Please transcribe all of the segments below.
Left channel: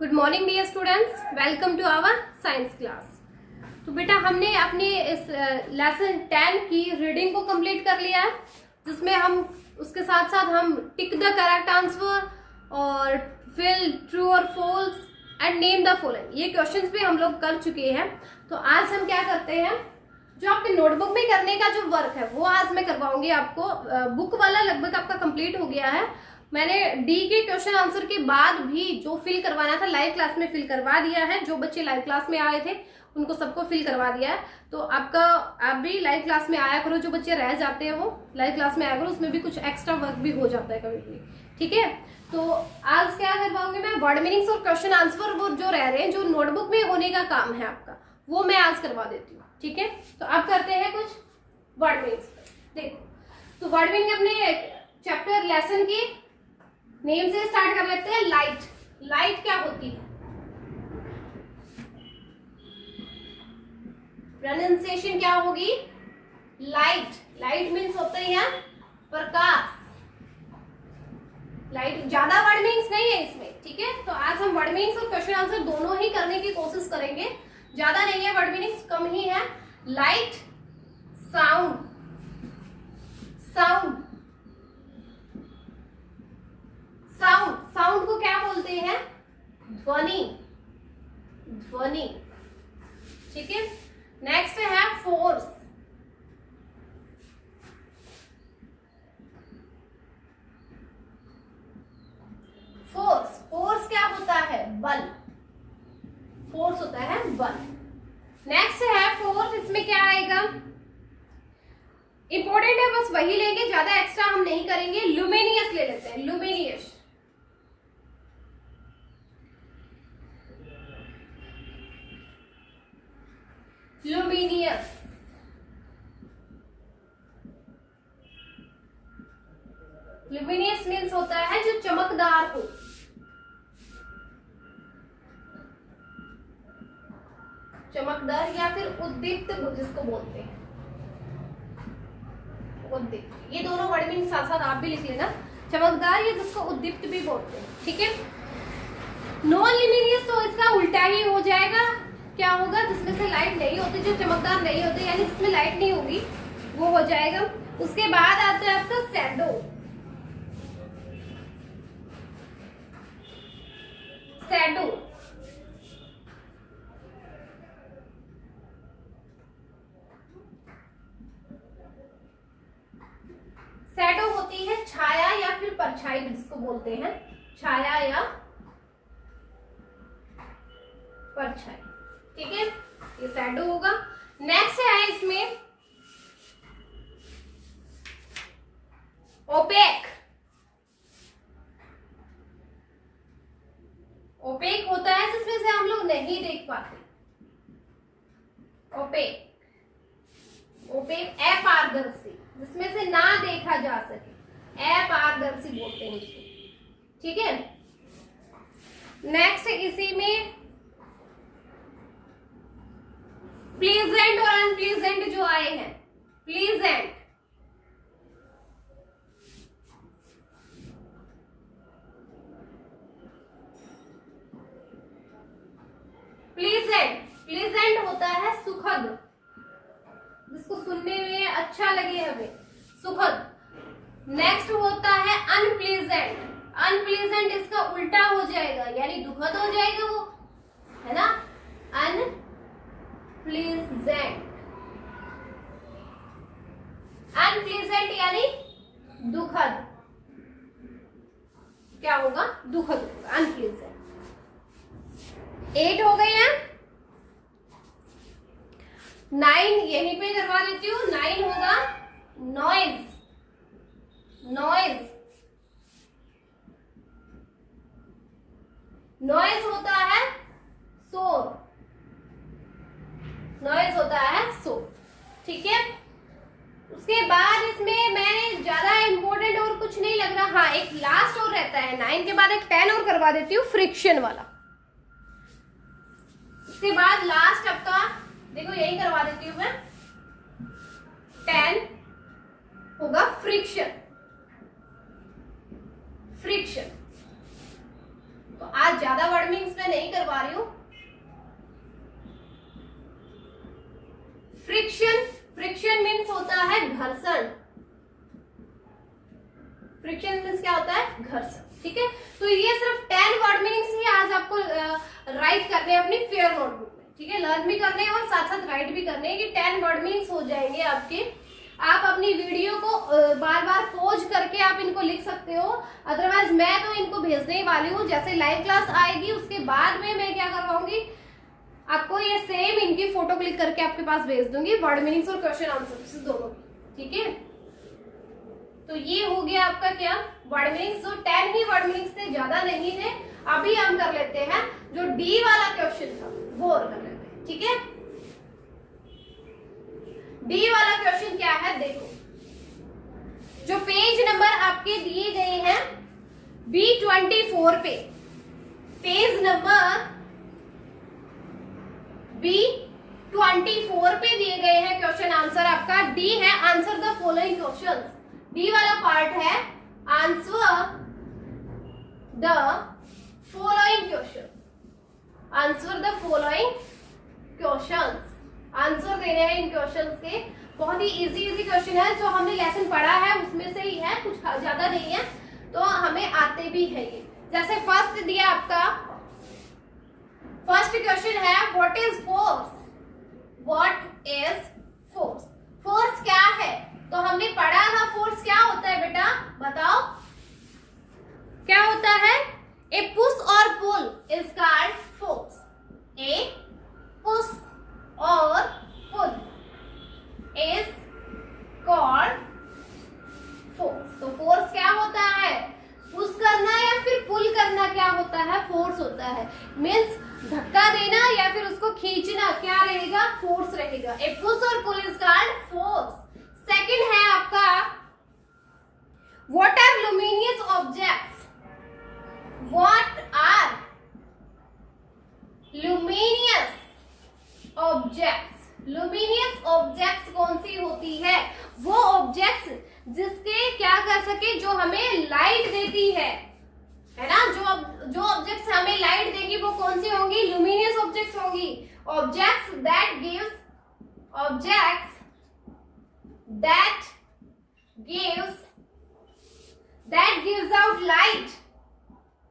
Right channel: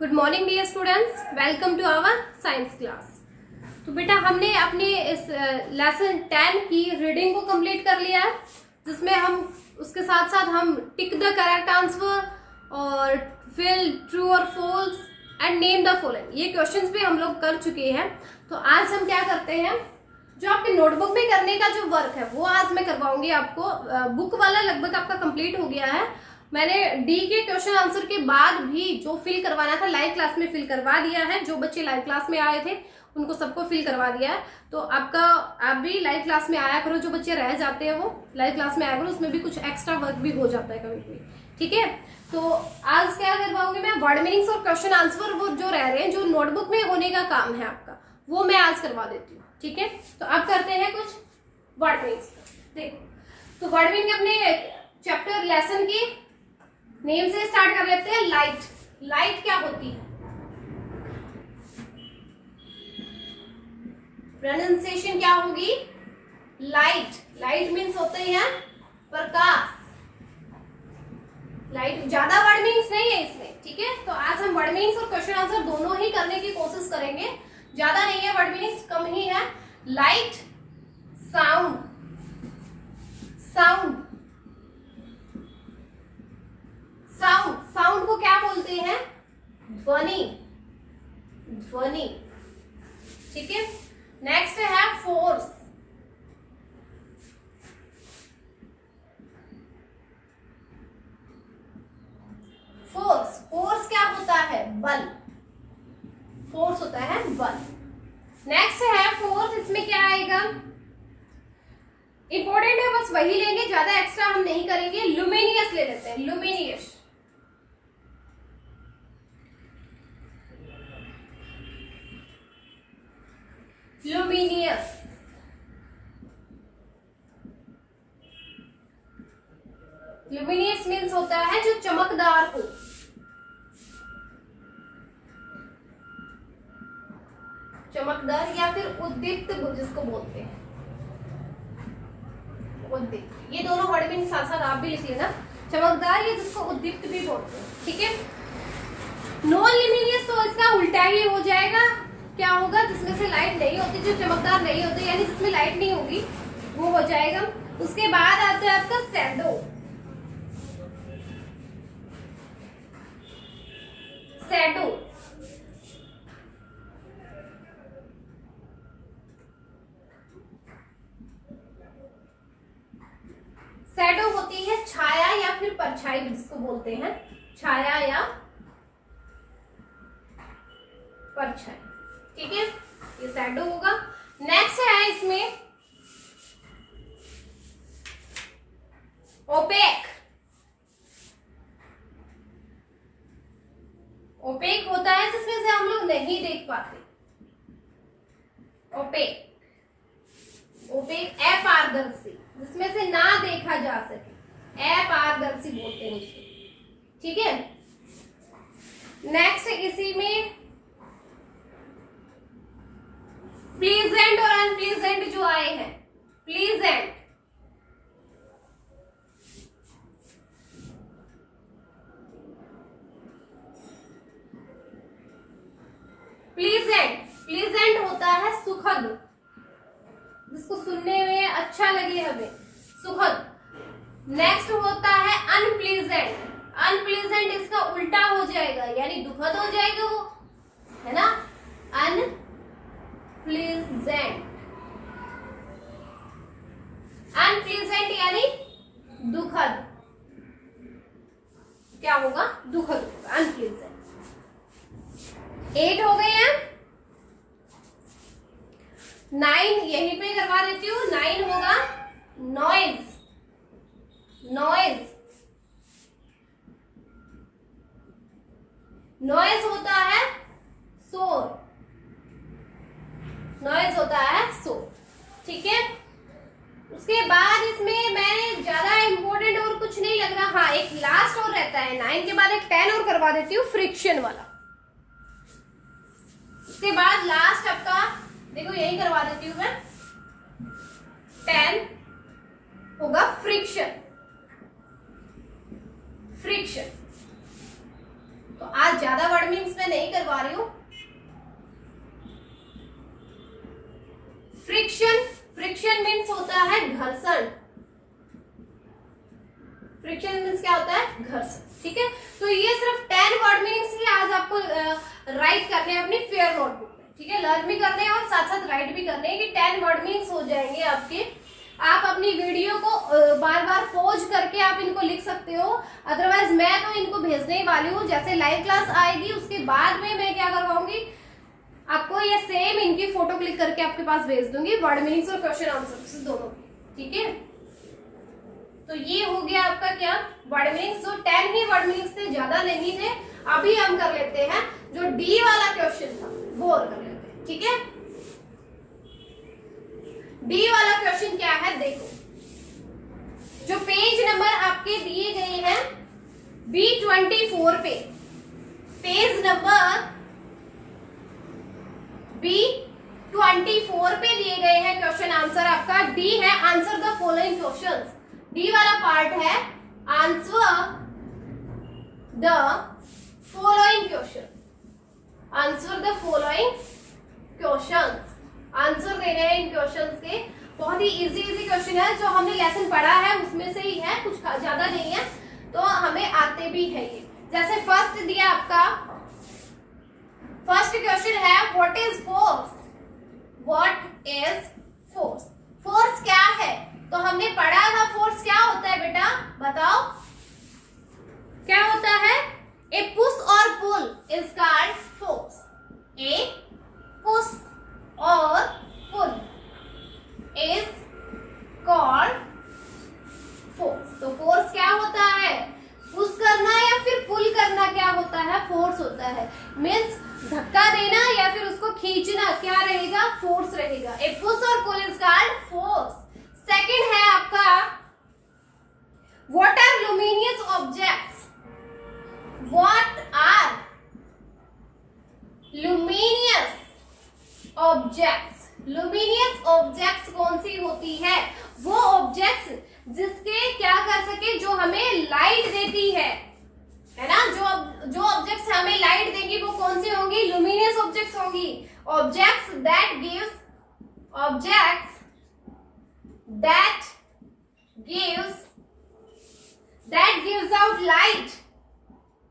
Good morning dear students, welcome to our science class. तो बेटा हमने अपने इस लेसन 10 की रीडिंग को कंप्लीट कर लिया है, जिसमें हम उसके साथ साथ हम टिक द करेक्ट आंसर और फिल ट्रू और false and name the following, ये क्वेश्चंस भी हम लोग कर चुके हैं। तो आज हम क्या करते हैं, जो आपके नोटबुक में करने का जो वर्क है वो आज मैं करवाऊंगी आपको। बुक वाला लगभग आपका कंप्लीट हो गया है। मैंने डी के क्वेश्चन आंसर के बाद भी जो फिल करवाना था लाइव क्लास में फिल करवा दिया है। जो बच्चे लाइव क्लास में आए थे उनको सबको फिल करवा दिया है। तो आप भी लाइव क्लास में आया करो, जो बच्चे रह जाते हैं वो लाइव क्लास में आया करो, उसमें भी कुछ एक्स्ट्रा वर्क भी हो जाता है कभी कभी। ठीक है, तो आज क्या करवाऊंगी मैं, वर्ड मीनिंग्स और क्वेश्चन आंसर वो जो रह रहे हैं, जो नोटबुक में होने का काम है आपका, वो मैं आज करवा देती हूँ। ठीक है, तो अब करते हैं कुछ वर्ड मीनिंग्स। देखो, तो वर्ड मीनिंग अपने चैप्टर लेसन की नेम से स्टार्ट कर लेते हैं। लाइट, लाइट क्या होती है, प्रोनाउंसिएशन क्या होगी, लाइट। लाइट मीन्स होते हैं प्रकाश। लाइट ज्यादा वर्ड मीनिंग्स नहीं है इसमें। ठीक है, तो आज हम वर्ड मीनिंग्स और क्वेश्चन आंसर दोनों ही करने की कोशिश करेंगे। ज्यादा नहीं है, वर्ड मीनिंग्स कम ही है। Light, sound, sound, sound, sound को क्या बोलते हैं, ध्वनि, ध्वनि। ठीक है, नेक्स्ट है फोर्स। फोर्स, फोर्स क्या होता है, बल। फोर्स होता है बल। नेक्स्ट है फोर्स, इसमें क्या आएगा, इंपॉर्टेंट है, बस वही लेंगे, ज्यादा एक्स्ट्रा हम नहीं करेंगे। लुमिनियस ले लेते हैं, लुमिनियस। लुमिनियस, लुमिनियस मीन्स होता है जो चमकदार हो। चमकदार या फिर उद्दीप्त जिसको बोलते हैं, उद्दीप्त। ये दोनों वर्ड मीनिंग साथ साथ आप भी लिख लेना, चमकदार या जिसको उद्दीप्त भी बोलते हैं। ठीक है, नॉन लुमिनियस तो इसका उल्टा ही हो जाएगा। क्या होगा, जिसमें से लाइट नहीं होती, जो चमकदार नहीं होती, यानी जिसमें लाइट नहीं होगी, वो हो जाएगा। उसके बाद आता है आपका शैडो। शैडो, शैडो होती है छाया या फिर परछाई जिसको बोलते हैं, छाया या परछाई। ठीक है, ये शैडो होगा। नेक्स्ट है इसमें ओपेक। ओपेक होता है जिसमें से हम लोग नहीं देख पाते, ओपेक। ओपेक अपारदर्शी, जिसमें से ना देखा जा सके, अपारदर्शी बोलते हैं उसको। ठीक है, नेक्स्ट इसी में प्लीजेंट और अनप्लीजेंट जो आए हैं। प्लीजेंट, प्लीजेंट, प्लीजेंट होता है सुखद, जिसको सुनने में अच्छा लगे हमें, सुखद। नेक्स्ट होता है अनप्लीजेंट। अनप्लीजेंट इसका उल्टा हो जाएगा, यानी दुखद हो जाएगा वो, है ना, अनप्लीजेंट। अनप्लीजेंट यानी दुखद, क्या होगा, दुखद होगा, अनप्लीजेंट। 8 हो गई है। 9 यहीं पे करवा देती हूँ। 9 होगा नॉइज, नॉइज। नॉइज होता है शोर, नॉइज होता है शोर। ठीक है, उसके बाद इसमें मैंने ज्यादा इंपॉर्टेंट और कुछ नहीं लग रहा। हाँ, एक लास्ट और रहता है 9 के बाद, एक 10 और करवा देती हूँ, फ्रिक्शन वाला। उसके बाद लास्ट आपका देखो यही करवा देती हूँ मैं, 10 होगा फ्रिक्शन, फ्रिक्शन। तो आज ज्यादा वर्ड मीनिंग्स में करवा रही हूं। फ्रिक्शन, फ्रिक्शन मीन्स होता है घर्षण। फ्रिक्शन मीन्स क्या होता है? घर्षण। ठीक है, तो ये सिर्फ 10 वर्ड मीनिंग्स ही आज आपको राइट करने हैं अपनी फेयर नोटबुक में। ठीक है, लर्न भी करने हैं और साथ साथ राइट भी करने हैं कि 10 वर्ड मीनिंग्स हो जाएंगे आपके। आप अपनी वीडियो को बार बार पॉज करके आप इनको लिख सकते हो, अदरवाइज मैं तो इनको भेजने ही वाली हूँ। जैसे लाइव क्लास आएगी उसके बाद में मैं क्या करवाऊंगी, आपको ये सेम इनकी फोटो क्लिक करके आपके पास भेज दूंगी, वर्ड मीनिंग्स और क्वेश्चन आंसर दोनों। ठीक है, तो ये हो गया आपका क्या, वर्ड मीनिंग्स। जो 10 ही वर्ड मीनिंग्स थे, ज्यादा नहीं थे। अभी हम कर लेते हैं जो डी वाला क्वेश्चन था वो और कर लेते हैं। ठीक है, डी वाला क्वेश्चन क्या है, देखो जो पेज नंबर आपके दिए गए हैं B24 पे, पेज नंबर B24 पे दिए गए हैं क्वेश्चन आंसर। आपका डी है answer the following questions. D वाला पार्ट है answer the following questions, answer the following questions. Answer देने हैं इन क्वेश्चंस के। बहुत ही इजी क्वेश्चन है, जो हमने लेसन पढ़ा है उसमें से ही है, कुछ ज्यादा नहीं है, तो हमें आते भी है ये। जैसे फर्स्ट दिया आपका, फर्स्ट क्वेश्चन है what is force, what is force. Force क्या है, तो हमने पढ़ा था फोर्स क्या होता है बेटा, बताओ क्या होता है। ए पुश और pull is called force. A push और पुल इज कॉल्ड फोर्स। तो फोर्स क्या होता है, पुश करना या फिर पुल करना क्या होता है, फोर्स होता है। मीन्स धक्का देना या फिर उसको खींचना क्या रहेगा, फोर्स रहेगा। ए पुश और pull is called force. Second है आपका what are luminous objects, what are luminous objects. Luminous objects कौन सी होती है, वो ऑब्जेक्ट्स जिसके क्या कर सके, जो हमें लाइट देती है ना। जो ऑब्जेक्ट्स हमें लाइट देंगी वो कौन सी होंगी, लुमिनियस ऑब्जेक्ट्स होंगी। Objects that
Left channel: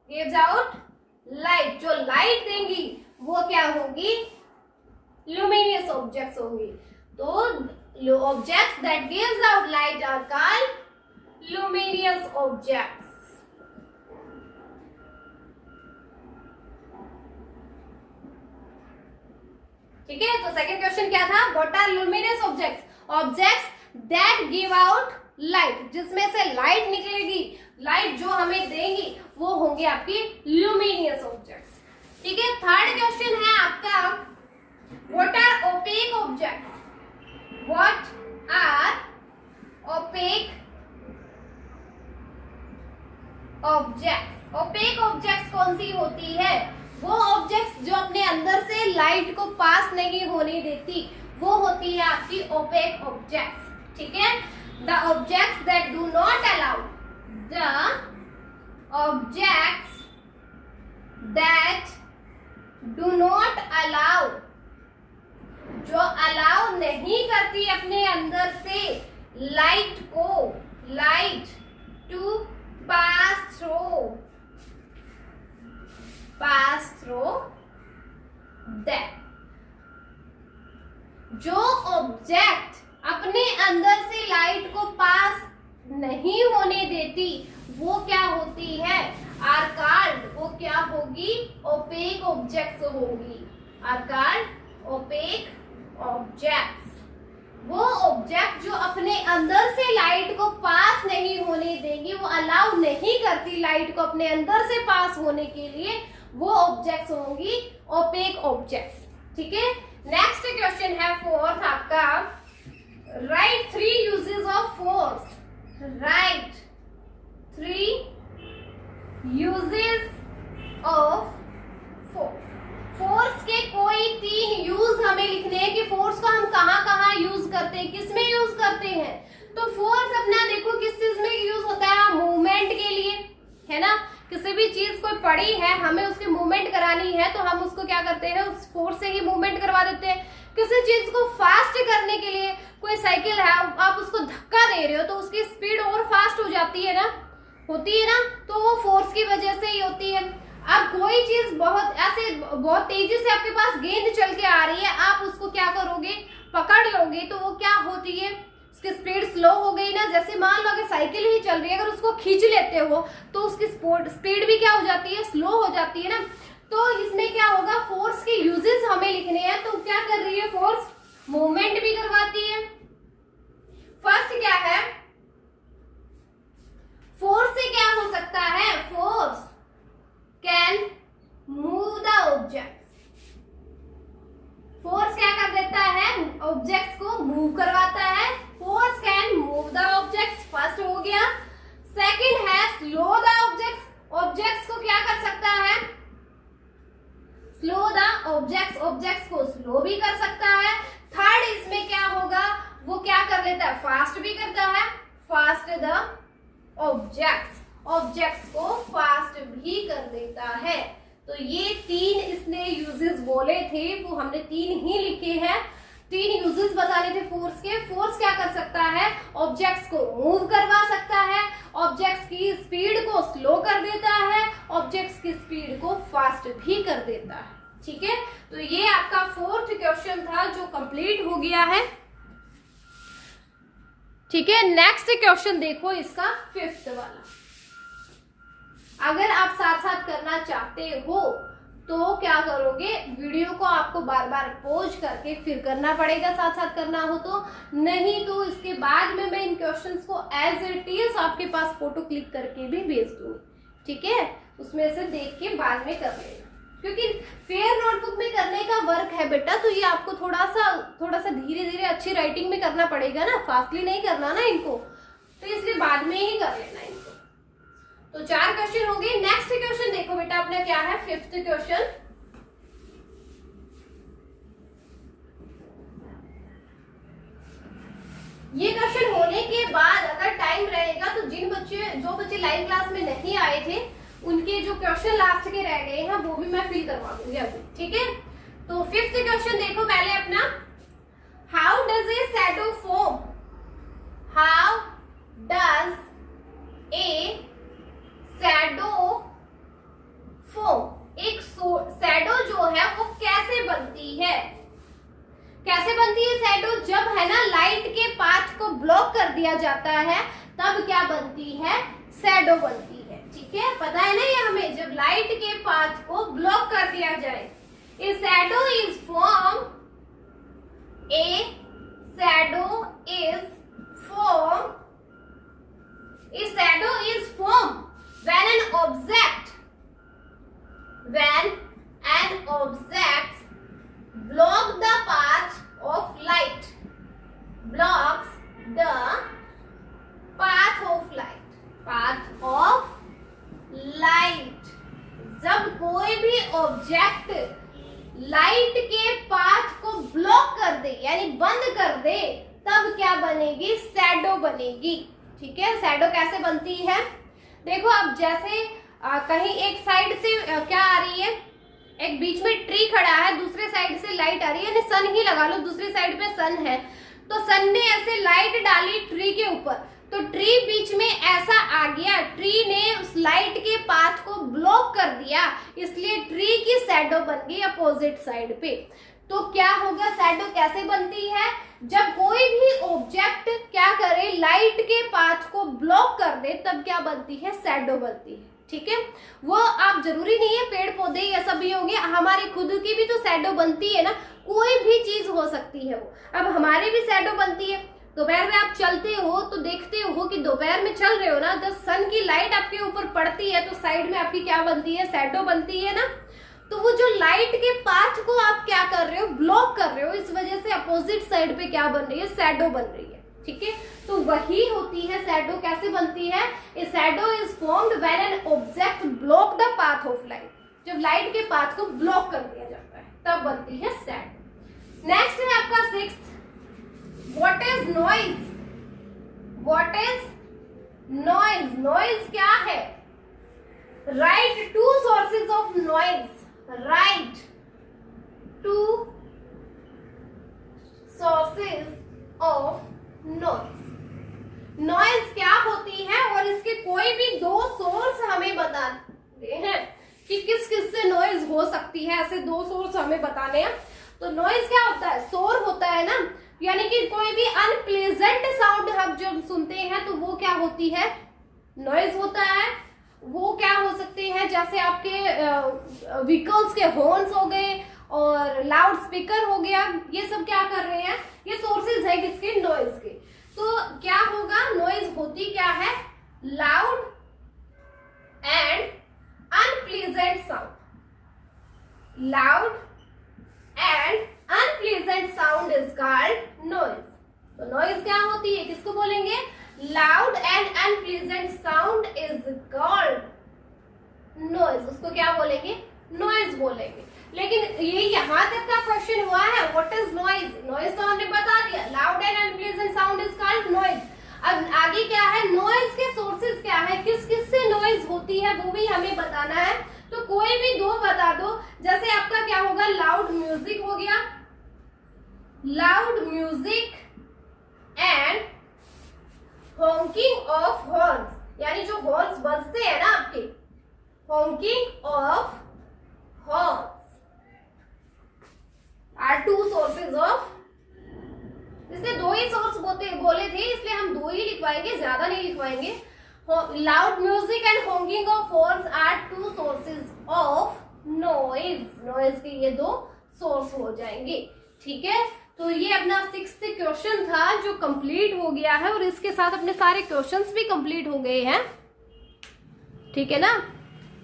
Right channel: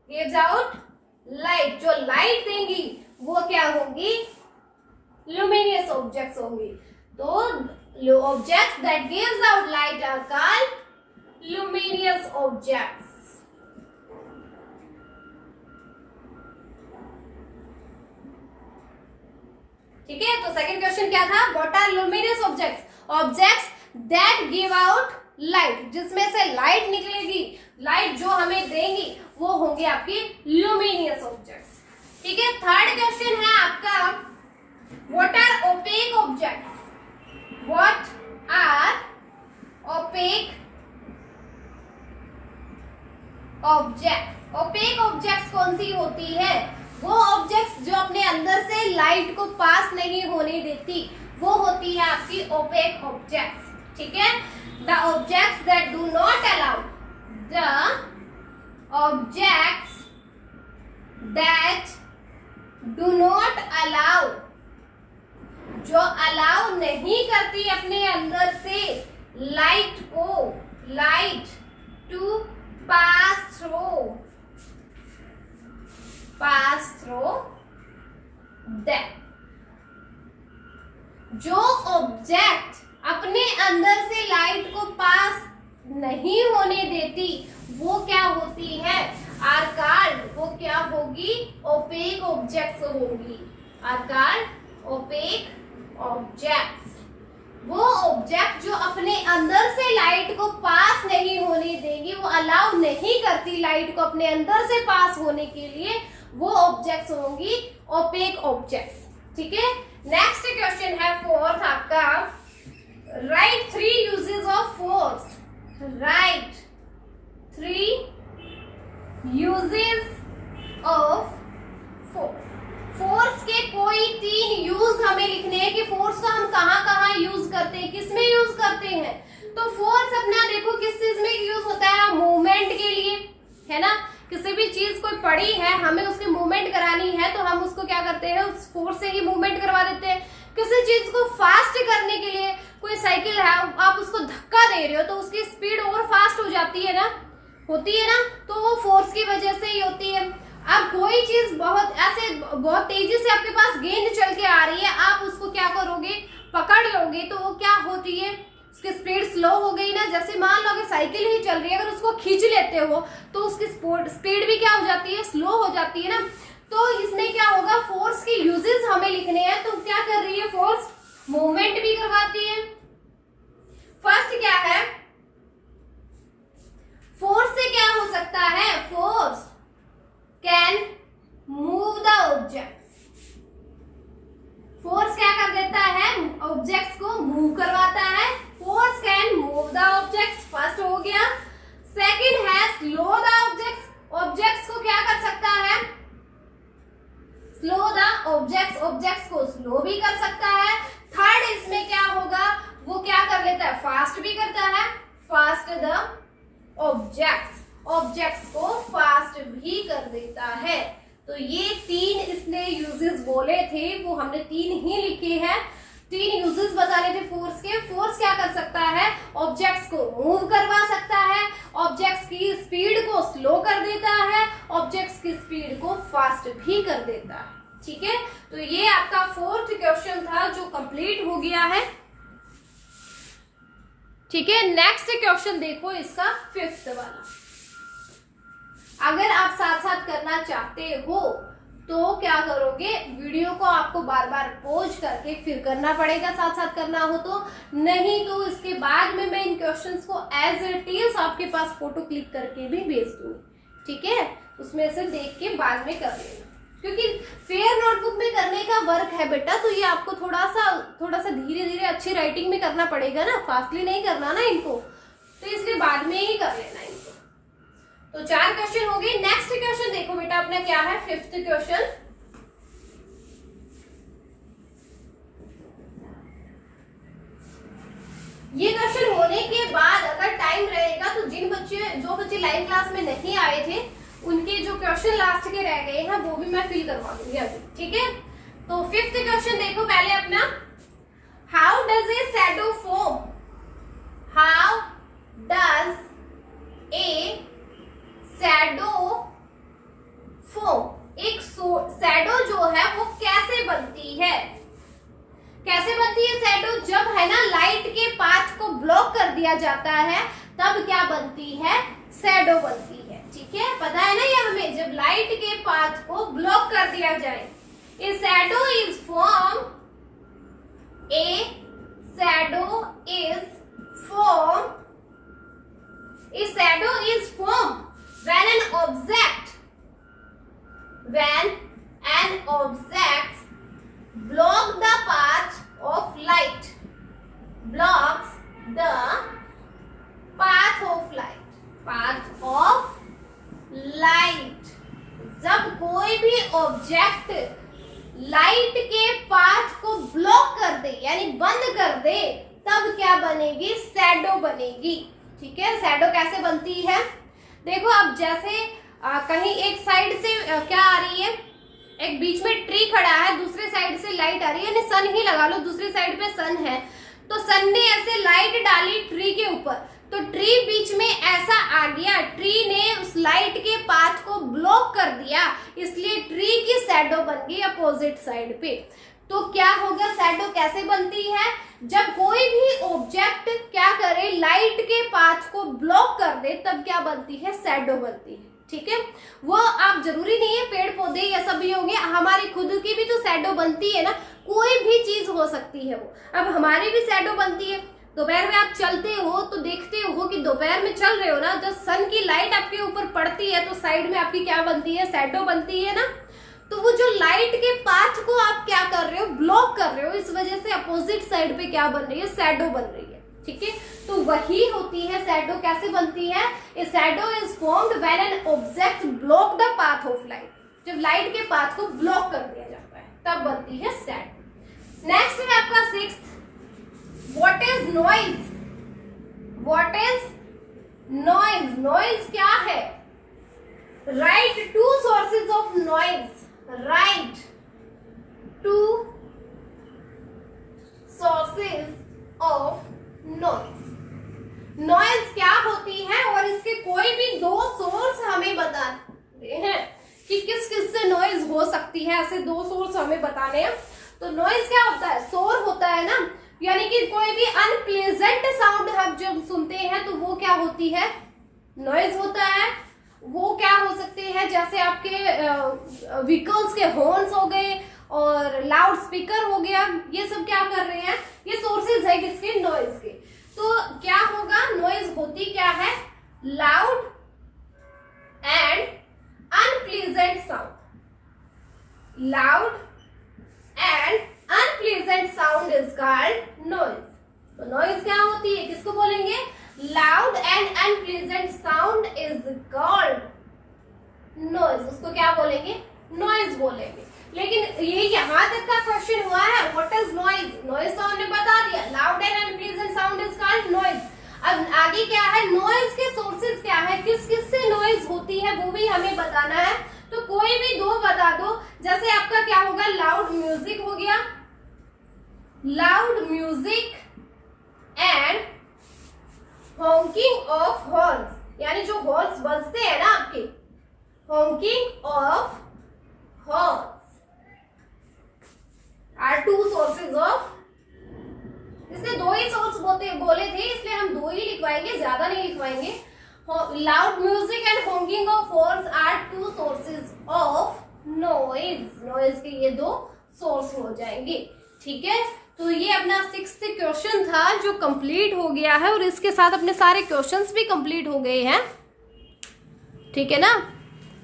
gives out light, जो लाइट देंगी वो क्या होंगी, लुमिनियस ऑब्जेक्ट्स होंगी। तो objects that gives out light are called luminous objects. ठीक है, तो सेकंड क्वेश्चन क्या था, what are luminous objects, objects that give out light, जिसमें से लाइट निकलेगी, लाइट जो हमें देंगी वो होंगे आपकी लुमिनियस ऑब्जेक्ट्स। ठीक है, थर्ड क्वेश्चन है आपका what are opaque objects, what are opaque objects. Opaque objects कौन सी होती है, वो ऑब्जेक्ट्स जो अपने अंदर से लाइट को पास नहीं होने देती, वो होती है आपकी ओपेक ऑब्जेक्ट्स। ठीक है, the objects that do not allow, the objects that do not allow, जो अलाउ नहीं करती अपने अंदर से light to pass through that. जो ऑब्जेक्ट अपने अंदर से लाइट को पास नहीं होने देती वो क्या होती है, आर कॉल्ड, वो क्या होगी, ओपेक ऑब्जेक्ट्स होगी, आर कॉल्ड ओपेक ऑब्जेक्ट्स। वो ऑब्जेक्ट जो अपने अंदर से लाइट को पास नहीं होने देगी, वो अलाउ नहीं करती लाइट को अपने अंदर से पास होने के लिए, वो ऑब्जेक्ट्स होंगी ओपेक ऑब्जेक्ट्स। ठीक है, नेक्स्ट क्वेश्चन है फोर्थ आपका, right 3 uses of force, right 3 uses of force. Force के कोई 3 यूज हमें लिखने हैं कि फोर्स को हम कहाँ कहाँ यूज करते हैं, किस में यूज करते हैं। तो फोर्स अपना देखो किस चीज में यूज होता है, मूवमेंट के लिए है ना, किसी भी चीज कोई पड़ी है, हमें उसकी मूवमेंट करानी है तो हम उसको क्या करते हैं, उस फोर्स से ही मूवमेंट करवा देते हैं। किसी चीज को फास्ट करने के लिए, कोई साइकिल है, आप उसको धक्का दे रहे हो तो उसकी स्पीड और फास्ट हो जाती है ना, होती है ना, तो वो फोर्स की वजह से ही होती है। अब कोई चीज बहुत तेजी से आपके पास गेंद चल के आ रही है, आप उसको क्या करोगे, पकड़ लोगे, तो वो क्या होती है, उसकी स्पीड स्लो हो गई ना। जैसे मान लो अगर साइकिल ही चल रही है, अगर उसको खींच लेते हो तो उसकी स्पीड भी क्या हो जाती है, स्लो हो जाती है ना। तो इसमें क्या होगा, फोर्स के यूजेस हमें लिखने हैं, तो क्या कर रही है फोर्स, मूवमेंट भी करवाती है। फर्स्ट क्या है, फोर्स से क्या हो सकता है, force can move the object. Force क्या कर देता है, ऑब्जेक्ट्स को मूव करवाता है। Force can move the objects, first हो गया। सेकंड है स्लो द ऑब्जेक्ट्स, ऑब्जेक्ट्स को क्या कर सकता है, स्लो द ऑब्जेक्ट्स, ऑब्जेक्ट्स को स्लो भी कर सकता है। थर्ड इसमें क्या होगा, वो क्या कर लेता है, फास्ट भी करता है, फास्ट द ऑब्जेक्ट्स, ऑब्जेक्ट्स को फास्ट भी कर देता है। तो ये 3 इसने यूजेस बोले थे, वो हमने 3 ही लिखे हैं। 3 यूजेस बताने थे फोर्स के। फोर्स क्या कर सकता है, ऑब्जेक्ट्स को मूव करवा सकता है, ऑब्जेक्ट्स की स्पीड को स्लो कर देता है, ऑब्जेक्ट्स की स्पीड को फास्ट भी कर देता है। ठीक है, तो ये आपका 4th क्वेश्चन था जो कंप्लीट हो गया है। ठीक है, नेक्स्ट क्वेश्चन देखो इसका 5th वाला। अगर आप साथ साथ करना चाहते हो तो क्या करोगे, वीडियो को आपको बार बार पॉज करके फिर करना पड़ेगा, साथ साथ करना हो तो, नहीं तो इसके बाद में मैं इन क्वेश्चंस को एज इट इज आपके पास फोटो क्लिक करके भी भेज दूंगी। ठीक है, उसमें से देख के बाद में कर लेना, क्योंकि फेयर नोटबुक में करने का वर्क है बेटा, तो ये आपको थोड़ा सा धीरे धीरे अच्छी राइटिंग में करना पड़ेगा ना, फास्टली नहीं करना ना इनको, तो इसलिए बाद में ही कर लेना इनको। तो 4 क्वेश्चन हो गए। नेक्स्ट क्वेश्चन देखो बेटा अपना क्या है, 5th क्वेश्चन। ये क्वेश्चन होने के बाद अगर टाइम रहेगा तो जो बच्चे लाइव क्लास में नहीं आए थे उनके जो क्वेश्चन लास्ट के रह गए हैं वो भी मैं फिल करवा दूंगी अभी। ठीक है, तो 5th क्वेश्चन देखो पहले अपना, how does a shadow form, how does a shadow form, एक शैडो जो है वो कैसे बनती है, कैसे बनती है शैडो, जब है ना लाइट के पाथ को ब्लॉक कर दिया जाता है तब क्या बनती है, शैडो बनती है। ठीक है, पता है ना ये हमें, जब लाइट के पाथ को ब्लॉक कर दिया जाए, ए shadow is form, A shadow is form, A shadow is form when an object block the path of light, blocks the path of light, जब कोई भी ऑब्जेक्ट लाइट के पाथ को ब्लॉक कर दे यानी बंद कर दे तब क्या बनेगी, शैडो बनेगी। ठीक है, शैडो कैसे बनती है, देखो अब जैसे कहीं एक साइड से क्या आ रही है, एक बीच में ट्री खड़ा है, दूसरे साइड से लाइट आ रही है, यानी सन ही लगा लो, दूसरी साइड पे सन है, तो सन ने ऐसे लाइट डाली ट्री के ऊपर, तो ट्री बीच में ऐसा आ गया, ट्री ने उस लाइट के पाथ को ब्लॉक कर दिया, इसलिए ट्री की शैडो बन गई अपोजिट साइड पे। तो क्या होगा, शैडो कैसे बनती है, जब कोई भी ऑब्जेक्ट क्या करे, लाइट के पाथ को ब्लॉक कर दे तब क्या बनती है, शैडो बनती है। ठीक है, वो आप जरूरी नहीं है पेड़ पौधे ये सब भी होंगे, हमारी खुद की भी तो शैडो बनती है ना, कोई भी चीज हो सकती है वो, अब हमारी भी शैडो बनती है। दोपहर में आप चलते हो तो देखते हो कि दोपहर में चल रहे हो ना, जब सन की लाइट आपके ऊपर पड़ती है तो साइड में आपकी क्या बनती है, शैडो बनती है ना। तो वो जो लाइट के पाथ को आप क्या कर रहे हो, ब्लॉक कर रहे हो, इस वजह से अपोजिट साइड पे क्या बन रही है, शैडो बन रही है। ठीक है, तो वही होती है शैडो, कैसे बनती है, ए shadow is formed when an object block the path of light, जब लाइट के पाथ को ब्लॉक कर दिया जाता है तब बनती है शैडो। नेक्स्ट है आपका 6th, what is noise, what is noise, noise क्या है, write two sources of noise, write two sources of noise. Noise क्या होती है और इसके कोई भी दो सोर्स हमें बताने हैं कि किस किस से नॉइज हो सकती है, ऐसे दो सोर्स हमें बताने हैं। तो नॉइज क्या होता है, शोर होता है ना, यानी कि कोई भी अनप्लेजेंट साउंड हम जब सुनते हैं तो वो क्या होती है, नॉइज होता है। वो क्या हो सकते हैं, जैसे आपके व्हीकल्स के हॉर्न्स हो गए और लाउड स्पीकर हो गया, ये सब क्या कर रहे हैं, ये सोर्सेज है किसके, नॉइज के। तो क्या होगा, नॉइज होती क्या है, loud and unpleasant sound, loud and unpleasant sound is called noise. तो नॉइज क्या होती है, किसको बोलेंगे, loud and unpleasant sound is called noise, उसको क्या बोलेंगे, नॉइज बोलेंगे। लेकिन ये यहाँ तक का क्वेश्चन हुआ है, व्हाट इज नॉइज, नॉइज तो हमने बता दिया, loud and unpleasant sound is called noise. अब आगे क्या है, नॉइज के सोर्सेज क्या है, किस किस से नॉइज होती है वो भी हमें बताना है। तो कोई भी दो बता दो, जैसे आपका क्या होगा, लाउड म्यूजिक हो गया, loud music and Hawking of horns, यानी जो हॉर्न्स बजते हैं ना आपके, honking of horns are two sources of, इसलिए दो ही सोर्स बोले थे, इसलिए हम दो ही लिखवाएंगे, ज्यादा नहीं लिखवाएंगे। Loud music and Hawking of horns are two sources of noise, noise के ये दो सोर्स हो जाएंगे। ठीक है, तो ये अपना 6th क्वेश्चन था जो कंप्लीट हो गया है और इसके साथ अपने सारे क्वेश्चंस भी कंप्लीट हो गए हैं। ठीक है ना,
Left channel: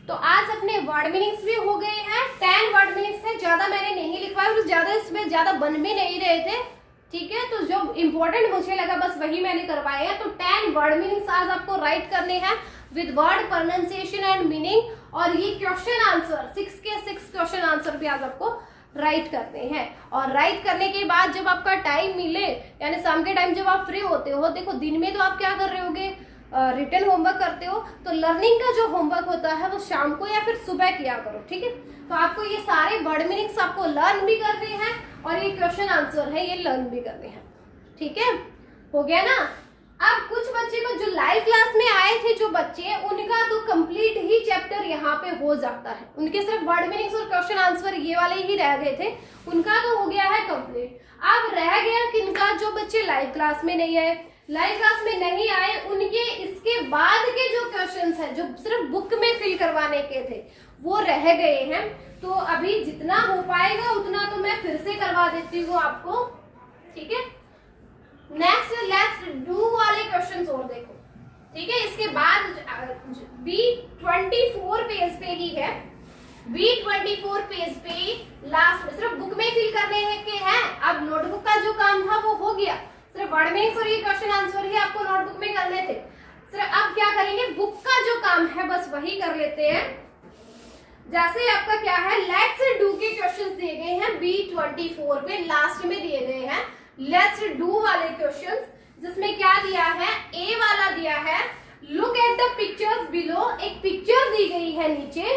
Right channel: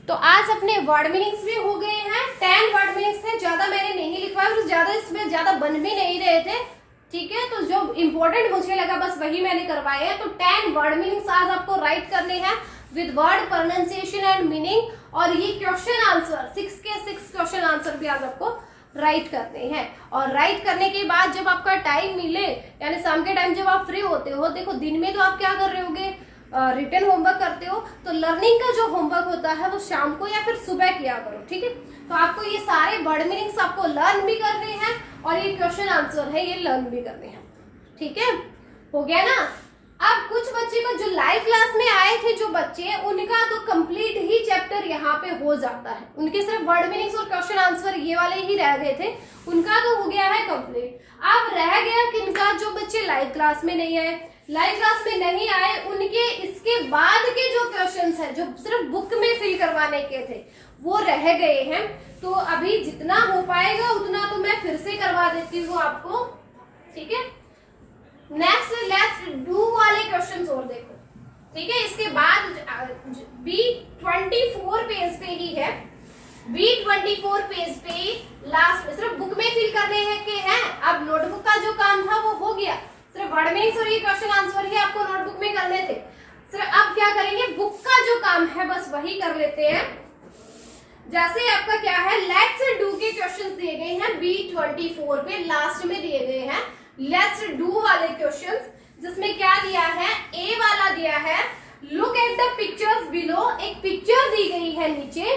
तो आज अपने वर्ड मीनिंग्स भी हो गए हैं, 10 वर्ड मीनिंग्स थे, ज्यादा मैंने नहीं लिखवाया और ज्यादा इसमें ज्यादा बन भी नहीं रहे थे। ठीक है, तो जो इंपॉर्टेंट मुझे लगा बस वही मैंने करवाए हैं। तो 10 वर्ड मीनिंग्स आज आपको राइट करने हैं with word pronunciation and meaning, और ये क्वेश्चन आंसर 6 के 6 क्वेश्चन आंसर भी आज आपको राइट करने हैं। और राइट करने के बाद जब आपका टाइम मिले, यानी शाम के टाइम जब आप फ्री होते हो, देखो दिन में तो आप क्या कर रहे होगे, रिटन होमवर्क करते हो, तो लर्निंग का जो होमवर्क होता है वो शाम को या फिर सुबह किया करो। ठीक है, तो आपको ये सारे वर्ड मीनिंग्स आपको लर्न भी करने हैं और ये क्वेश्चन आंसर है ये लर्न भी करने हैं। ठीक है, हो गया ना। अब कुछ बच्चे को जो लाइव क्लास में आए थे जो बच्चे, उनका तो कंप्लीट ही चैप्टर यहाँ पे हो जाता है, उनके सिर्फ वर्ड मीनिंग्स और क्वेश्चन आंसर ये वाले ही रह गए थे, उनका तो हो गया है कंप्लीट। अब रह गया किनका, जो बच्चे लाइव क्लास में नहीं आए, लाइव क्लास में नहीं आए उनके इसके बाद के जो क्वेश्चंस हैं जो सिर्फ बुक में फिल करवाने के थे वो रह गए हैं। तो अभी जितना हो पाएगा उतना तो मैं फिर से करवा देती हूँ आपको। ठीक है, नेक्स्ट लेट्स डू वाले क्वेश्चंस और देखो। ठीक है, इसके बाद B24 पेज पे ही है, B24 पेज पे लास्ट में सिर्फ बुक में फिल करने हैं के हैं। अब नोटबुक का जो काम था वो हो गया, सिर्फ वर्ड मीनिंग्स और ये क्वेश्चन आंसर ही आपको नोटबुक में करने थे। सिर्फ अब क्या करेंगे, बुक का जो काम है बस वही कर लेते हैं। जैसे आपका क्या है, लेट्स डू के क्वेश्चंस दिए गए हैं B24 पे, लास्ट में दिए गए हैं लेट्स डू वाले क्वेश्चंस, जिसमें क्या दिया है, ए वाला दिया है, look at the pictures below, एक पिक्चर दी गई है नीचे,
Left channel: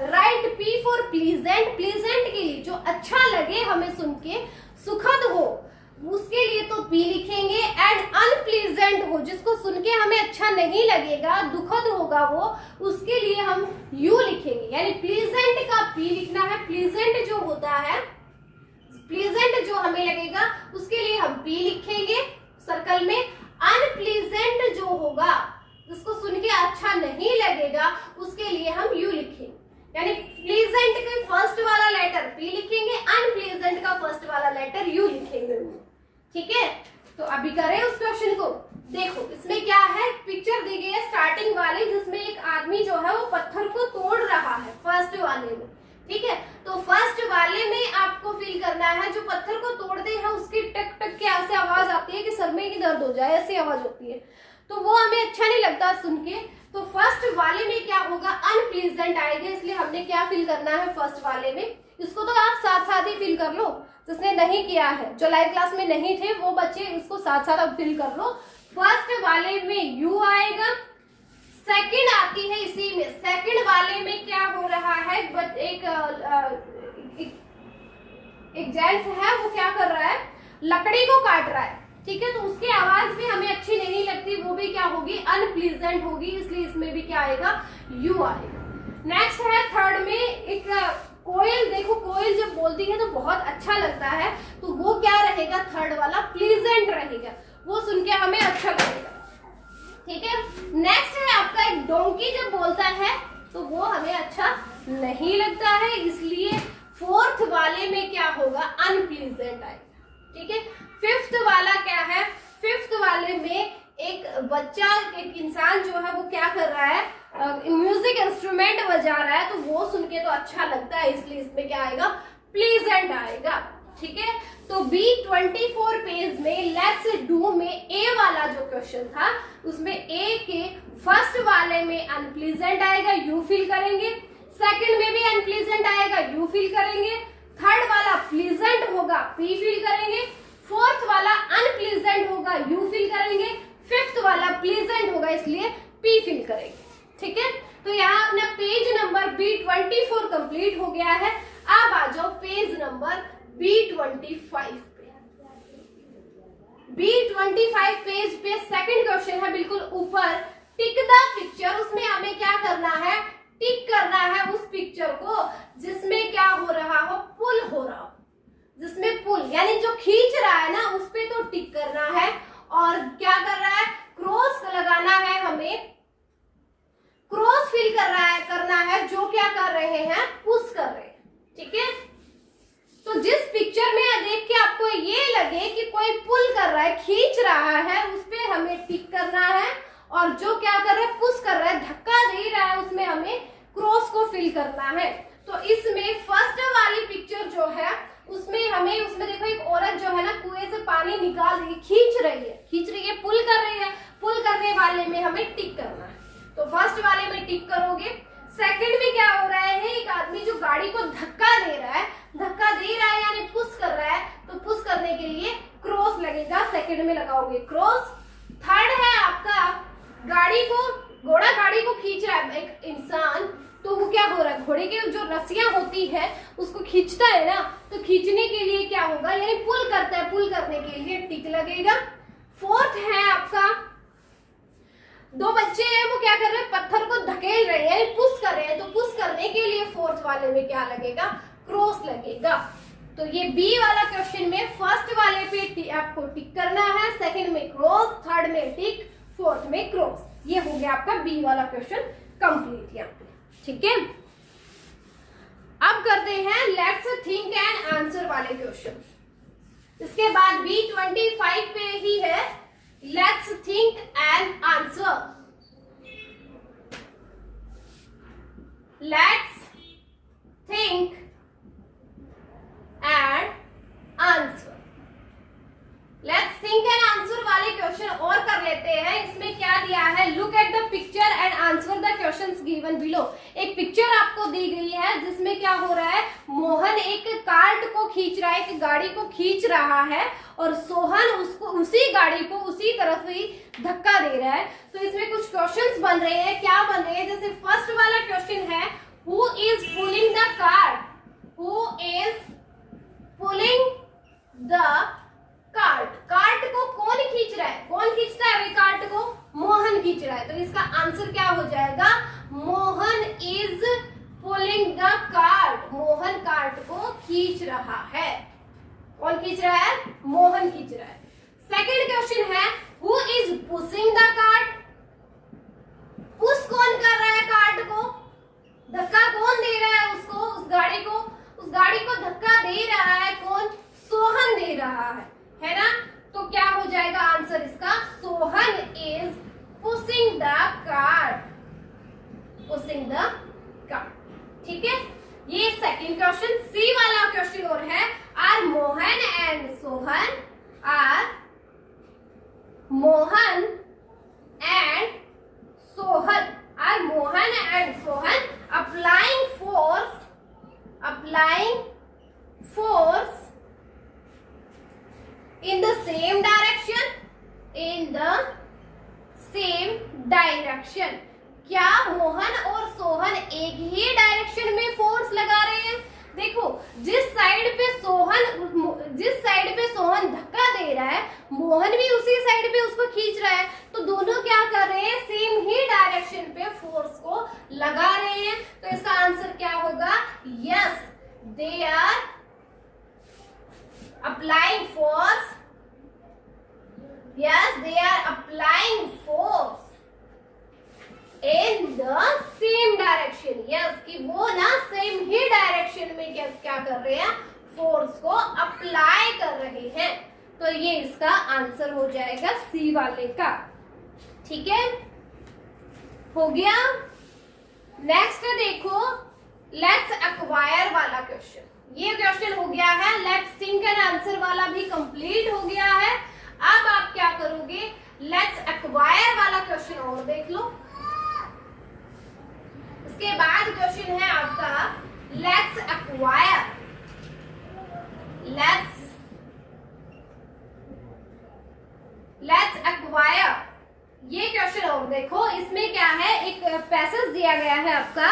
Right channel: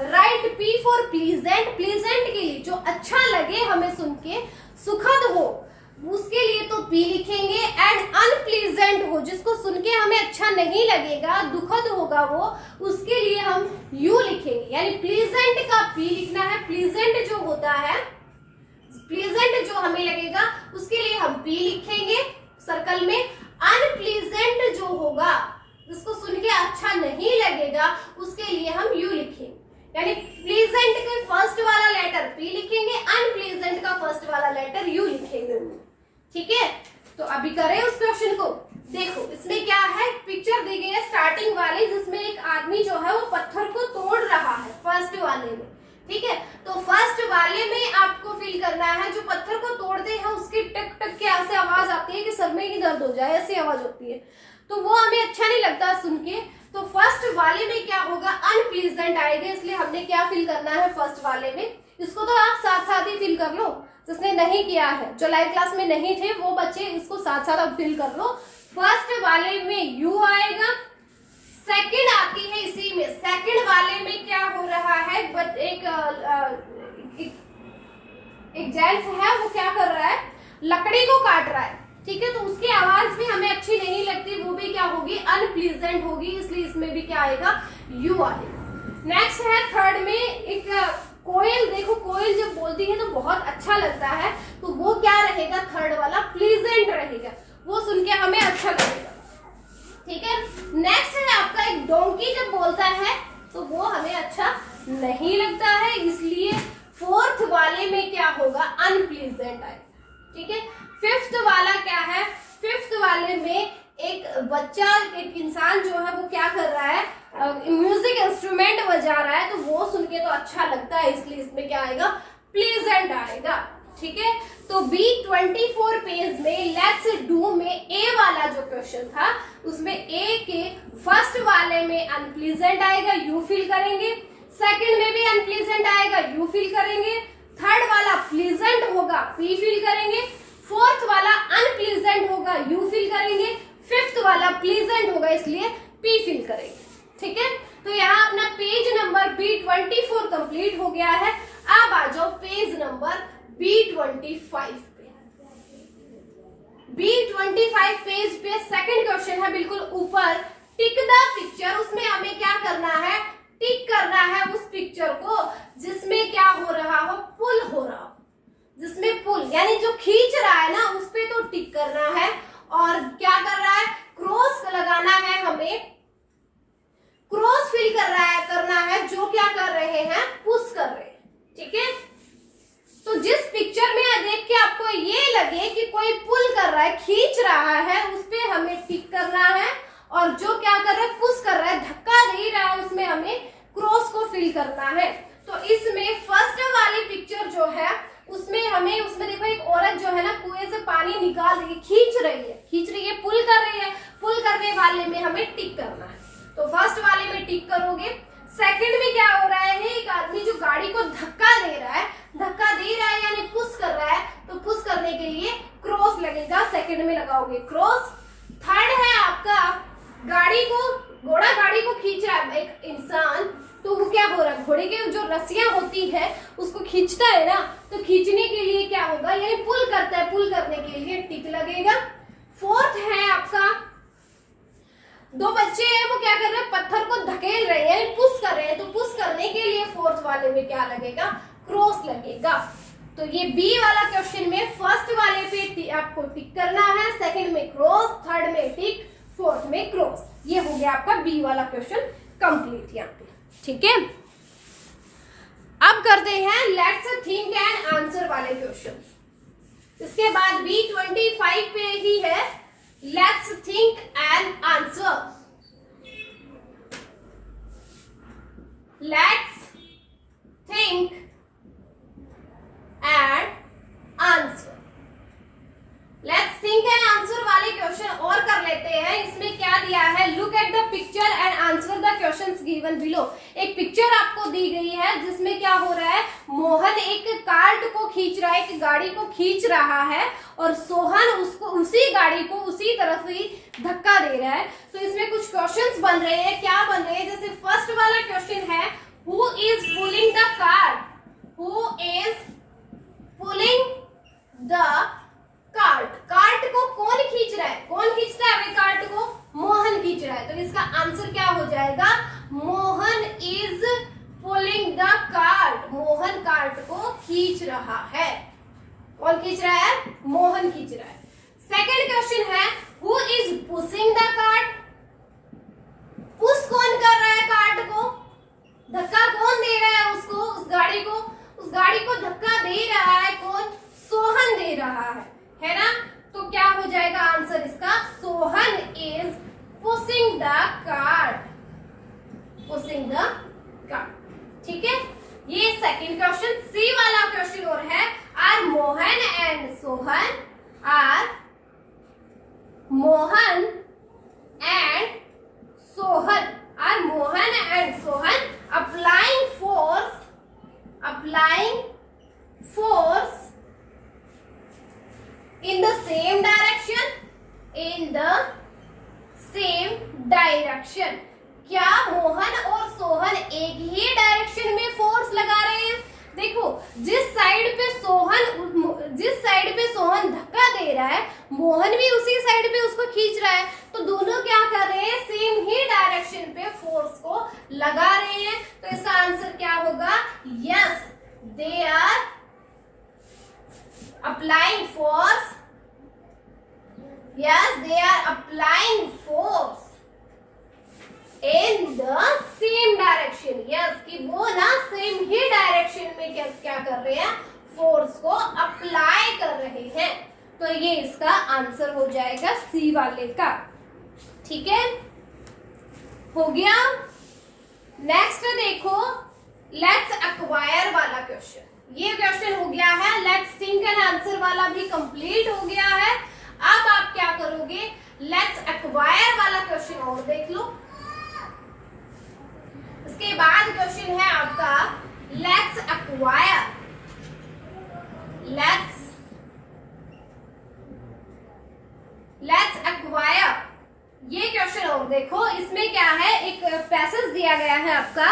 right P for pleasant, pleasant के लिए जो अच्छा लगे हमें सुन के, सुखद हो उसके लिए तो P लिखेंगे, एंड अनप्लीजेंट हो जिसको सुन के हमें अच्छा नहीं लगेगा, दुखद होगा वो, उसके लिए हम U लिखेंगे। यानी प्लीजेंट का P लिखना है, प्लीजेंट जो होता है, प्लीजेंट जो हमें लगेगा उसके लिए हम P लिखेंगे सर्कल में, अनप्लीजेंट जो होगा जिसको सुन के अच्छा नहीं लगेगा उसके लिए हम U लिखेंगे। यानी प्लीजेंट के फर्स्ट वाला लेटर P लिखेंगे, अनप्लीजेंट का फर्स्ट वाला लेटर U लिखेंगे। ठीक है, तो अभी करें उस क्वेश्चन को। देखो इसमें क्या है, पिक्चर दी गई है स्टार्टिंग वाली, जिसमें एक आदमी जो है वो पत्थर को तोड़ रहा है फर्स्ट वाले में। ठीक है, तो फर्स्ट वाले में आपको फील करना है, जो पत्थर को तोड़ते हैं उसकी टक टक के ऐसे आवाज आती है कि सर में ही दर्द हो जाए, ऐसी आवाज होती है, तो वो हमें अच्छा नहीं लगता सुन के। तो फर्स्ट वाले में क्या होगा, अनप्लीजेंट आएगा, इसलिए हमने क्या फील करना है फर्स्ट वाले में। इसको तो आप साथ साथ ही फील कर लो, जिसने नहीं किया है, जो लाइव क्लास में नहीं थे वो बच्चे इसको साथ साथ अब फील कर लो। फर्स्ट वाले में U आएगा, सेकंड आती है इसी में। सेकंड वाले में क्या हो रहा है, बट एक जेंट्स है, वो क्या कर रहा है, लकड़ी को काट रहा है, ठीक है। तो उसकी आवाज भी हमें अच्छी नहीं लगती, वो भी क्या होगी, अनप्लीजेंट होगी, इसलिए इसमें भी क्या आएगा, यू आएगा। नेक्स्ट है थर्ड में एक कोयल। देखो कोयल जब बोलती है तो बहुत अच्छा लगता है, तो वो क्या रहेगा, थर्ड वाला प्लीजेंट रहेगा, वो सुन के हमें अच्छा लगेगा, ठीक है। नेक्स्ट है आपका एक डोंकी जब बोलता है तो वो हमें अच्छा नहीं लगता है, इसलिए फोर्थ वाले में क्या होगा, अनप्लीजेंट आएगा, ठीक है। फिफ्थ वाला क्या है, फिफ्थ वाले में एक बच्चा, एक इंसान जो है वो क्या कर रहा है, म्यूजिक इंस्ट्रूमेंट बजा रहा है, तो वो सुन के तो अच्छा लगता है, इसलिए इसमें क्या आएगा, प्लीजेंट आएगा, ठीक है। तो B24 पेज में लेट्स डू में ए वाला जो क्वेश्चन था, उसमें ए के फर्स्ट वाले में अनप्लीजेंट आएगा, यू फील करेंगे, सेकंड में भी अनप्लीजेंट आएगा, यू फील करेंगे, थर्ड वाला प्लीजेंट होगा, पी फील करेंगे, फोर्थ वाला अनप्लीजेंट होगा, यू फील करेंगे, फिफ्थ वाला प्लीजेंट होगा, इसलिए पी फील करेंगे, ठीक है। तो यहाँ अपना पेज नंबर B24 कंप्लीट हो गया है। अब आ जाओ पेज नंबर B25 पे। B25 पेज पे सेकंड क्वेश्चन है बिल्कुल ऊपर, टिक द पिक्चर। उसमें हमें क्या करना है, टिक करना है उस पिक्चर को जिसमें क्या हो रहा हो, पुल हो रहा हो, जिसमें पुल यानी जो खींच रहा है ना, उस पे तो टिक करना है। और क्या कर रहा है, क्रॉस लगाना है, हमें क्रॉस फील करना है, जो क्या कर रहे हैं, पुश कर रहे हैं, ठीक है। तो जिस पिक्चर में देख के आपको ये लगे कि कोई पुल कर रहा है, खींच रहा है, उस पे हमें टिक करना है, और जो क्या कर रहा है, पुश कर रहा है, धक्का दे रहा है, उसमें हमें क्रॉस को फील करना है। तो इसमें फर्स्ट वाली पिक्चर जो है उसमें हमें, उसमें देखो एक औरत जो है ना कुएं से पानी निकाल रही है, खींच रही है, पुल कर रही है, पुल करने वाले में हमें टिक करना है। तो फर्स्ट वाले में टिक करोगे। सेकंड में क्या हो रहा है, एक आदमी जो गाड़ी को धक्का दे रहा है यानी पुश कर रहा है, तो पुश करने के लिए क्रॉस लगेगा, सेकंड में लगाओगे क्रॉस। थर्ड है आपका घोड़ा गाड़ी को खींच रहा है एक इंसान, तो वो क्या हो रहा है, घोड़े के जो रस्सियां होती है उसको खींचता है ना, तो खींचने के लिए क्या होगा, यानी पुल करता है, पुल करने के लिए टिक लगेगा। फोर्थ है आपका, दो बच्चे हैं, वो क्या कर रहे हैं, पत्थर को धकेल रहे हैं, पुश कर रहे हैं, तो पुश करने के लिए फोर्थ वाले में क्या लगेगा, क्रॉस लगेगा। तो ये बी वाला क्वेश्चन में फर्स्ट वाले पे आपको टिक करना है, सेकंड में क्रॉस, थर्ड में टिक, फोर्थ में क्रॉस। ये हो गया आपका बी वाला क्वेश्चन कंप्लीट यहाँ पे, ठीक है। अब करते हैं लेट्स थिंक एंड आंसर वाले क्वेश्चंस। इसके बाद B25 पे ही है let's think and answer. Let's think and answer. Let's think and answer वाले क्वेश्चन और कर लेते हैं। इसमें क्या दिया है, look at the picture and answer the questions given below. एक पिक्चर आपको दी गई है जिसमें क्या हो रहा है, मोहन एक कार्ट को खींच रहा है, एक गाड़ी को खींच रहा है, और सोहन उसको उसी गाड़ी को उसी तरफ ही धक्का दे रहा है। तो इसमें कुछ क्वेश्चंस बन रहे हैं, क्या बन रहे हैं, जैसे फर्स्ट वाला क्वेश्चन है, who is pulling the cart, who is pulling the cart. Cart को कौन खींच रहा है, कौन खींचता है भाई कार्ट को, मोहन खींच रहा है। तो इसका आंसर क्या हो जाएगा, Mohan is pulling the cart. Mohan cart को खींच रहा है। कौन खींच रहा है, मोहन खींच रहा है। सेकंड क्वेश्चन है, who is pushing the cart. Push कौन कर रहा है कार्ट को, धक्का कौन दे रहा है उसको, उस गाड़ी को धक्का दे रहा है कौन, सोहन दे रहा है ना। तो क्या हो जाएगा आंसर इसका, Sohan is pushing the cart, pushing the cart, ठीक है। ये सेकंड क्वेश्चन। सी वाला क्वेश्चन और है, are Mohan and Sohan, are Mohan and Sohan, are Mohan and Sohan applying force in the same direction, in the same direction। क्या मोहन और सोहन एक ही डायरेक्शन में फोर्स लगा रहे हैं? देखो, जिस साइड पे सोहन धक्का दे रहा है, मोहन भी उसी साइड पे उसको खींच रहा है, तो दोनों क्या कर रहे हैं? सेम ही डायरेक्शन पे फोर्स को लगा रहे हैं। तो इसका आंसर क्या होगा? Yes, they are applying force. Yes, they are applying force in the same direction. Yes, कि वो ना सेम ही डायरेक्शन में क्या कर रहे हैं? फोर्स को अप्लाई कर रहे हैं। तो ये इसका आंसर हो जाएगा सी वाले का। ठीक है, हो गया। नेक्स्ट देखो, लेट्स एक्वायर वाला क्वेश्चन। ये क्वेश्चन हो गया है। लेट्स थिंक एंड आंसर वाला भी कंप्लीट हो गया है। अब आप क्या करोगे? लेट्स एक्वायर वाला क्वेश्चन और देख लो। इसके बाद क्वेश्चन है आपका लेट्स एक्वायर। लेट्स एक्वायर ये क्वेश्चन और देखो। इसमें क्या है? एक पैसेज दिया गया है आपका,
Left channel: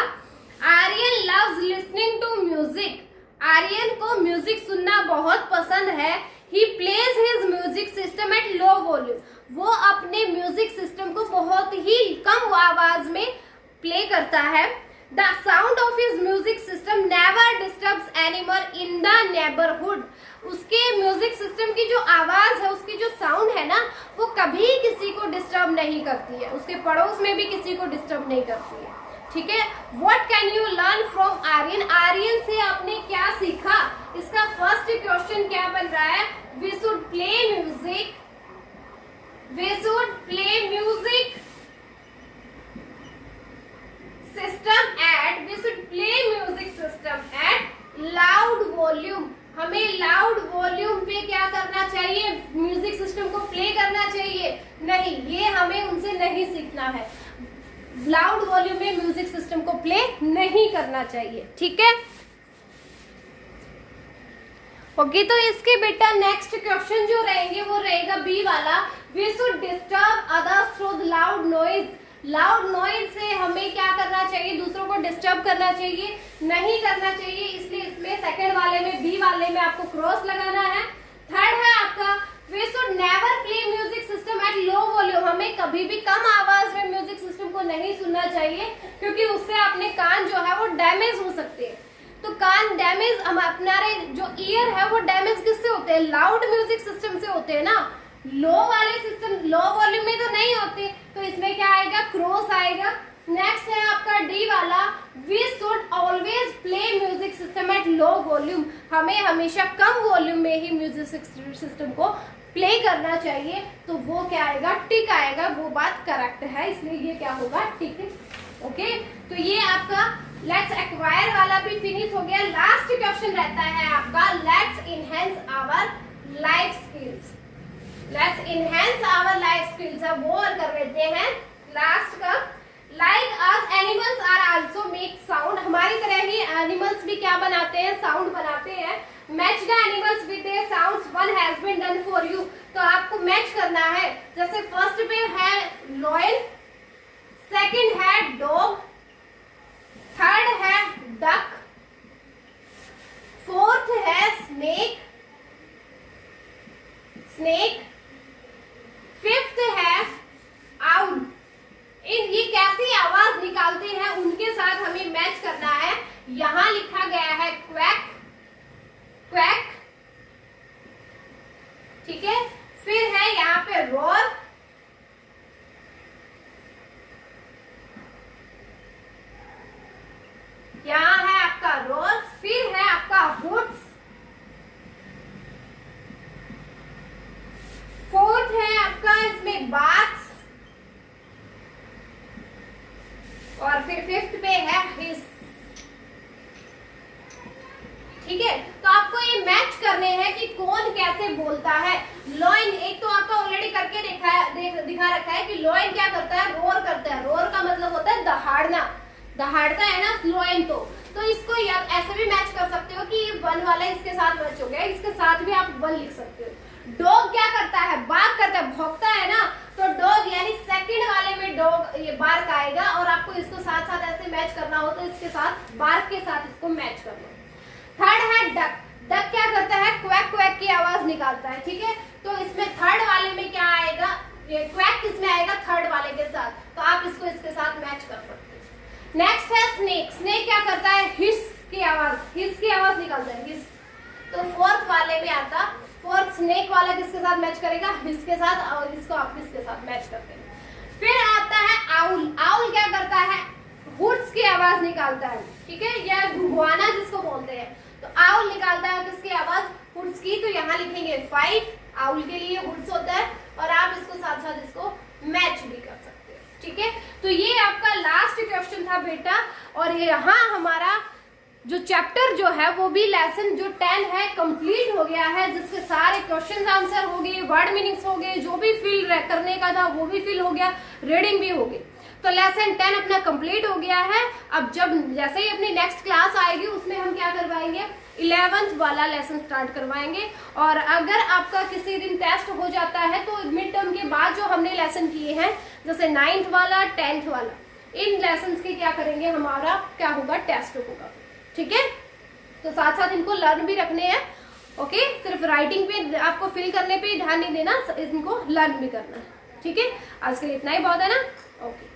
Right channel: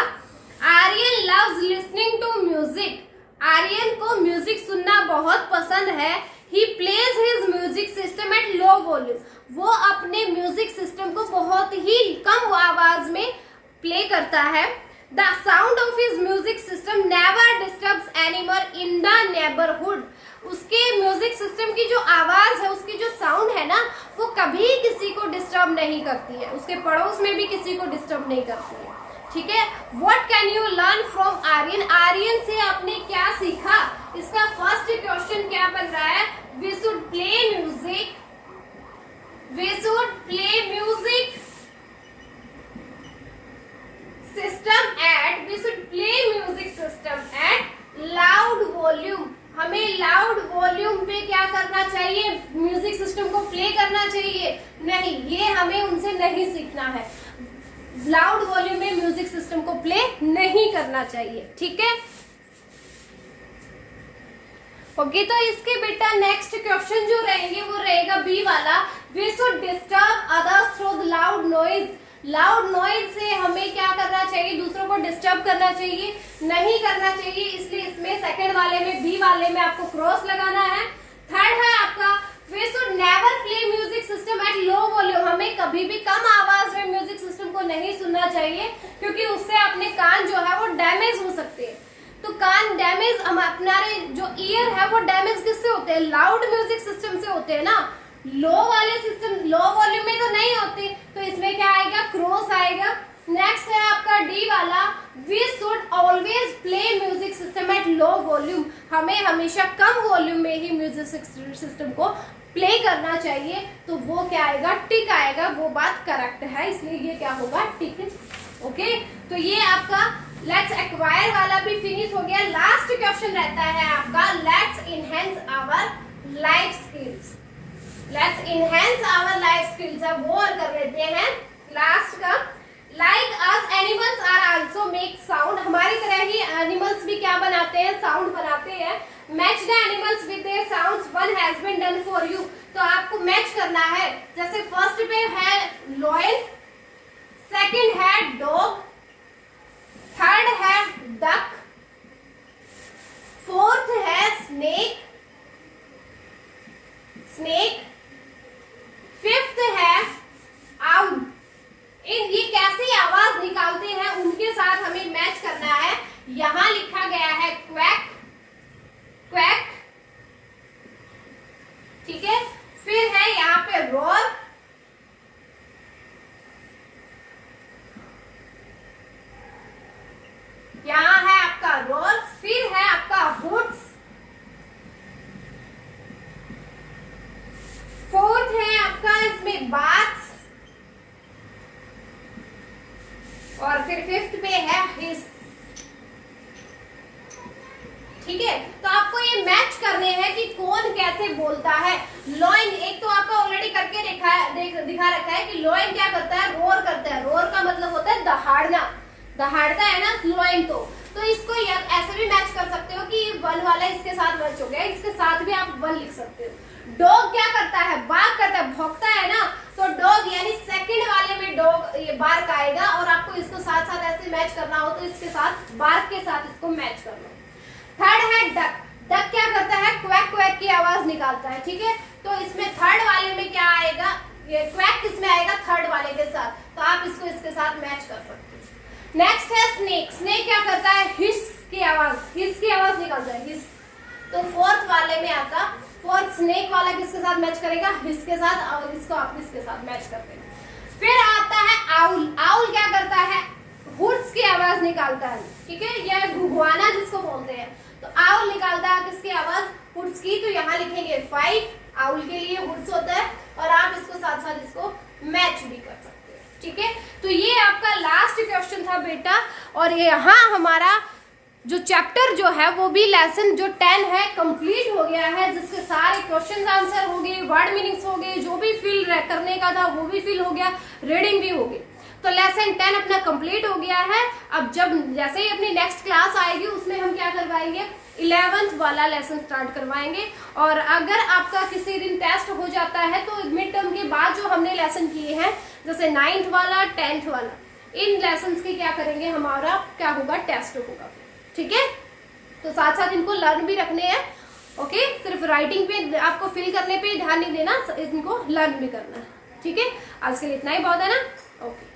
Aryan loves listening to music. Aryan को म्यूजिक सुनना बहुत पसंद है। He plays his music system at low volume. वो अपने म्यूजिक सिस्टम को बहुत ही कम आवाज में प्ले करता है। The sound of his music system never disturbs animal in the neighbourhood. उसके म्यूजिक सिस्टम की जो आवाज है, उसकी जो साउंड है ना, वो कभी किसी को डिस्टर्ब नहीं करती है, उसके पड़ोस में भी किसी को डिस्टर्ब नहीं करती है। ठीक है, what can you learn from Aryan? Aryan से आपने क्या सीखा? इसका फर्स्ट क्वेश्चन क्या बन रहा है? We should play music. We should play music system at, we should play music system at loud volume. हमें लाउड वॉल्यूम पे क्या करना चाहिए? म्यूजिक सिस्टम को प्ले करना चाहिए? नहीं, ये हमें उनसे नहीं सीखना है। लाउड वॉल्यूम में म्यूजिक सिस्टम को प्ले नहीं करना चाहिए। ठीक है, ओके। तो इसके बेटा नेक्स्ट क्वेश्चन जो रहेंगे वो रहेगा बी वाला, we should disturb others through loud noise. Loud noise से हमें क्या करना चाहिए? दूसरों को डिस्टर्ब करना चाहिए? नहीं करना चाहिए। इसलिए इसमें सेकंड वाले में, बी वाले में आपको क्रॉस लगाना है। थर्ड है आपका, we should never play music system at low volume. हमें कभी भी कम आवाज में म्यूजिक सिस्टम को नहीं सुनना चाहिए, क्योंकि उससे अपने कान जो है वो डैमेज हो सकते हैं। तो कान डैमेज, हमारे जो ईयर है वो डैमेज किससे होते हैं? लाउड म्यूजिक सिस्टम से होते हैं ना। लो वाले सिस्टम, लो वॉल्यूम में तो नहीं होते। तो इसमें क्या आएगा? क्रॉस आएगा। नेक्स्ट है आपका डी वाला, we should always play music system at low volume. हमें हमेशा कम वॉल्यूम में ही म्यूजिक सिस्टम को प्ले करना चाहिए। तो वो क्या आएगा? टिक आएगा। वो बात करेक्ट है, इसलिए ये क्या होगा? टिक। ओके, तो ये आपका लेट्स एक्वायर वाला भी फिनिश हो गया। लास्ट क्वेश्चन रहता है आपका let's enhance our life skills. Let's enhance our life skills. अब वो और कर लेते हैं लास्ट का। Like us animals are also make sound. हमारी तरह ही एनिमल्स भी क्या बनाते हैं? साउंड बनाते हैं। Match the animals with their sounds, one has been done for you. तो आपको मैच करना है। जैसे फर्स्ट पे है लॉयन, सेकंड है डॉग, थर्ड है डक, फोर्थ है स्नेक, फिफ्थ है आउल। ये कैसी आवाज निकालते हैं उनके साथ हमें मैच करना है। यहां लिखा गया है क्वैक, क्वैक। ठीक है, फिर है यहाँ पे रोर, यहाँ है आपका रोर, फिर है आपका हुड्स, फोर्थ है आपका इसमें बाथ्स, और फिर फिफ्थ पे है हिस। ठीक है, तो आपको ये मैच करने हैं कि कौन कैसे बोलता है। लॉइन एक तो आपका ऑलरेडी करके दिखा रखा है कि लॉइन क्या करता है? रोर करता है। रोर का मतलब होता है दहाड़ना, दहाड़ता है ना लॉइन। तो इसको ऐसे भी मैच कर सकते हो कि वन वाला इसके साथ मैच हो गया, इसके साथ भी आप वन लिख सकते हो। डॉग क्या करता है? बार्क करता है, भौंकता है ना। तो डॉग यानी सेकंड वाले में डॉग ये बार्क आएगा और आपको इसको साथ साथ ऐसे मैच करना हो तो इसके साथ बार्क के साथ इसको मैच कर लो। थर्ड है डक। डक क्या करता है, क्वैक क्वैक की आवाज निकालता है, ठीक है। तो इसमें थर्ड वाले में क्या आएगा, ये क्वैक किसमें आएगा, थर्ड वाले के साथ, तो आप इसको इसके साथ मैच कर सकते हो। नेक्स्ट है स्नेक। स्नेक क्या करता है, हिस की आवाज निकालता है, हिस। तो फोर्थ वाले में आता, फोर्थ स्नेक वाला किसके साथ मैच करेगा, हिस के साथ, और इसको आप इसके साथ मैच करते हैं। फिर आता है आउल। आउल क्या करता है, हुड्स की आवाज निकालता है, ठीक है, या घुघुआना जिसको बोलते हैं। तो आउल निकालता है किसकी आवाज, हुड्स की। तो यहाँ लिखेंगे 5, आउल के लिए हुड्स होता है, और आप इसको साथ साथ इसको मैच भी कर सकते हैं, ठीक है। तो ये आपका लास्ट क्वेश्चन था बेटा, और यहाँ हमारा जो चैप्टर जो है वो भी लेसन जो 10 है कंप्लीट हो गया है, जिसके सारे क्वेश्चन आंसर हो गए, वर्ड मीनिंग्स हो गए, जो भी फिल करने का था वो भी फिल हो गया, रीडिंग भी हो गई। तो लेसन 10 अपना कंप्लीट हो गया है। अब जब जैसे ही अपनी नेक्स्ट क्लास आएगी उसमें हम क्या करवाएंगे, 11th वाला लेसन स्टार्ट करवाएंगे। और अगर आपका किसी दिन टेस्ट हो जाता है तो मिड टर्म के बाद जो हमने लेसन किए हैं, जैसे 9th वाला 10th वाला, इन लेसन के क्या करेंगे, हमारा क्या होगा, टेस्ट होगा, ठीक है। तो साथ साथ इनको लर्न भी रखने हैं, ओके। सिर्फ राइटिंग पे आपको फिल करने पे ध्यान नहीं देना, इनको लर्न भी करना है, ठीक है। आज के लिए इतना ही बहुत है ना, ओके।